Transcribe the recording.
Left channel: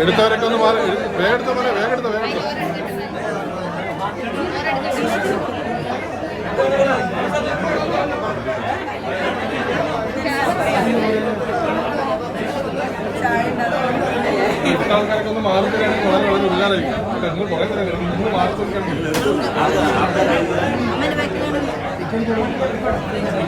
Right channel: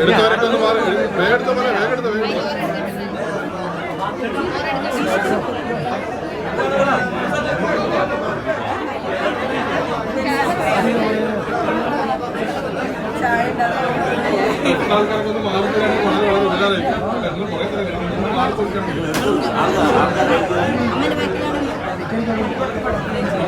എടുത്തവരൊക്കെ ഒന്ന് വേഗം എടുത്ത പോലെ വേഗം എടുത്ത വേഗം എടുത്ത ആൾക്കാരൊക്കെ ഒന്ന് മാറി വളരെ ഇല്ലാതെ മാറി കൊടുക്കണം ബാക്കിലാണ്